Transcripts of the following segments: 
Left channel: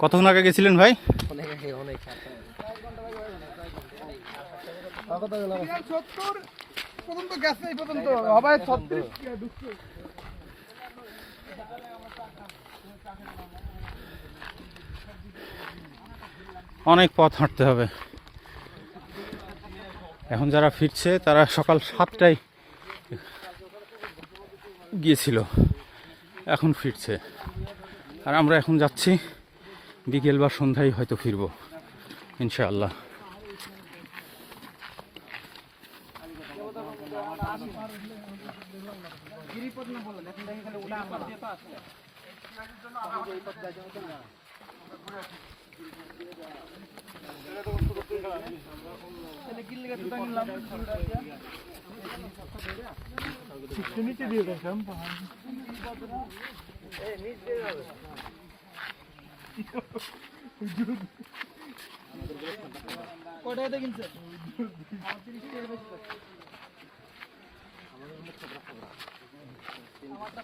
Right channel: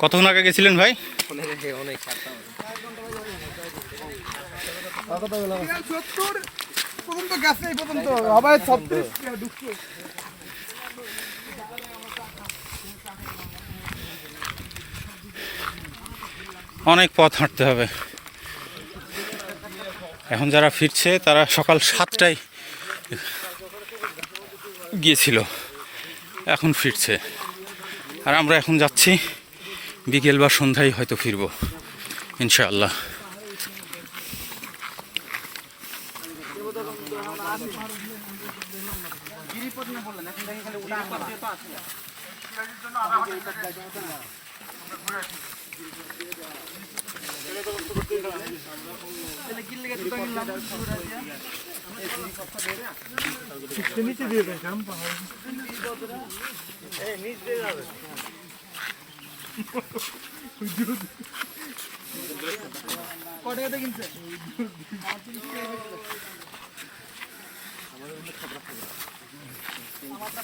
কতক্ষণ আগে গেছিলেন ভাই? অনেক পথ হাঁটতে হবে। এখন যারা ফিরছে তারা সকাল 7টায় গিয়েছিল, এখন ফিরছে। আর আমরা এখন যাচ্ছি, বিকেল বা সন্ধ্যায় হয়তো ফিরবো ইনশাআল্লাহ।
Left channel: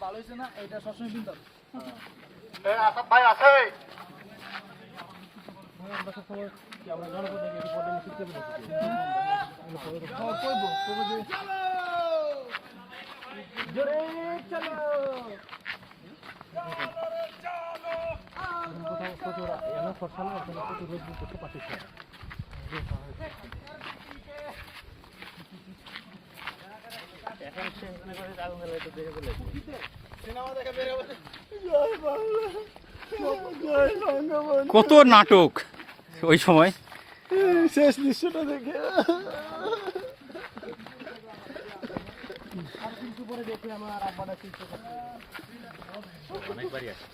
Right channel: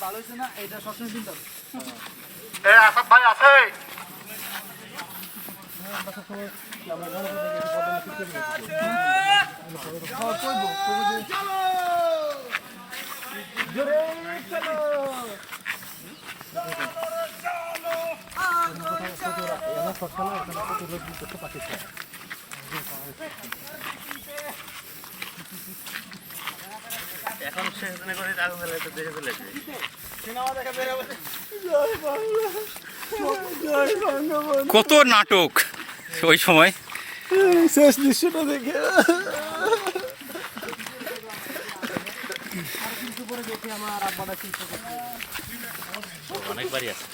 ভালো হয়েছে না, এটা সবসময় চিন্তা ভাই আছে এখন সেখানে করে আগুন জ্বালায় তো দেখে ফেলেছে কত নাটক ওই সময়, শেষ দৃশ্যটা দেখে অনেকবারই আছে